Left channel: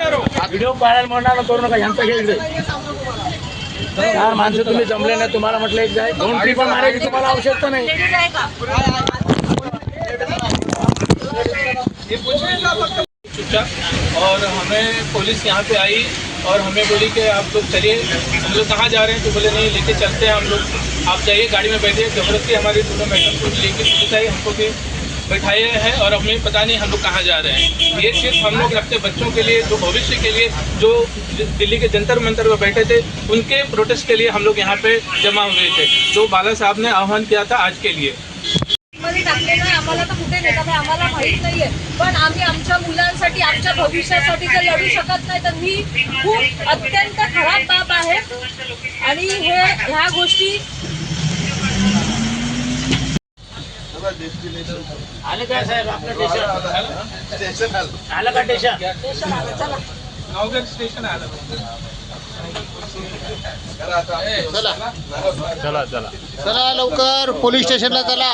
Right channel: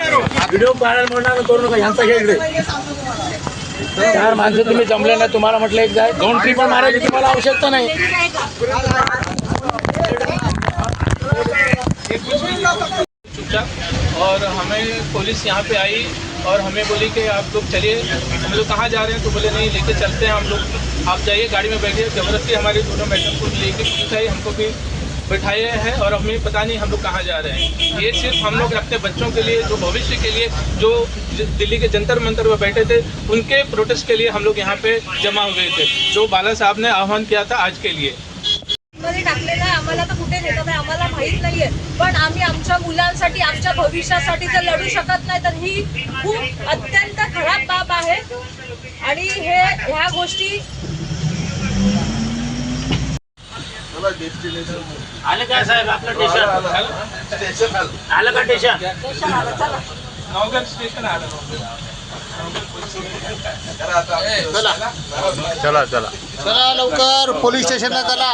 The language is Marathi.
व्हिडिओ पाहायला म्हणणार करू नका, यांचा घ्या इकडे. 4 माणसं तुम्ही जमले नाही, तुम्हाला म्हटलं एक जाय 2 ट्रिप मारायची तुम्हाला आवश्यकता नाही. और हमें पुलिस यहाँ पे आई और हमें बोली कि आप लोग चलिए. हम लोग कहाँ जा रहे हैं तो बोले नहीं लेके चलते हैं हम लोग, आप जाइए गाड़ी में बैठिए. जबरदस्ती हमारे दोनों मेडल को लेके पुलिस आई, हमको भी बैठाए हैं और हमें पता नहीं हम लोग कहाँ जा रहे हैं. ये सिर्फ हम लोग अपने बच्चों के लिए, जो भविष्य के लिए, जो दिल्ली के जंतर मंतर में बैठे थे, उनके प्रोटेस्ट के लिए हम लोग यहाँ पे जमा हुए थे, जो बाला साहब ने आह्वान किया था आज के लिए. मध्ये टाकलेलं आहे. आम्हाला तर कुठे नेतात आहे आम्हाला माहित नाहीये, पण आम्ही आमच्या मुलांसाठी, आमच्या भविष्यासाठी जर लढू शकत नाही तर ही खूप अत्यंत खराब बाब आहे. आणि ह्या गोष्टी आले काय साहेब आपलं स्टेशन आलं का? स्टेशन आलं. चला नवगढ़ स्टेशन आलं. चला चला चला लवकर पोलीस स्टेशनला चला.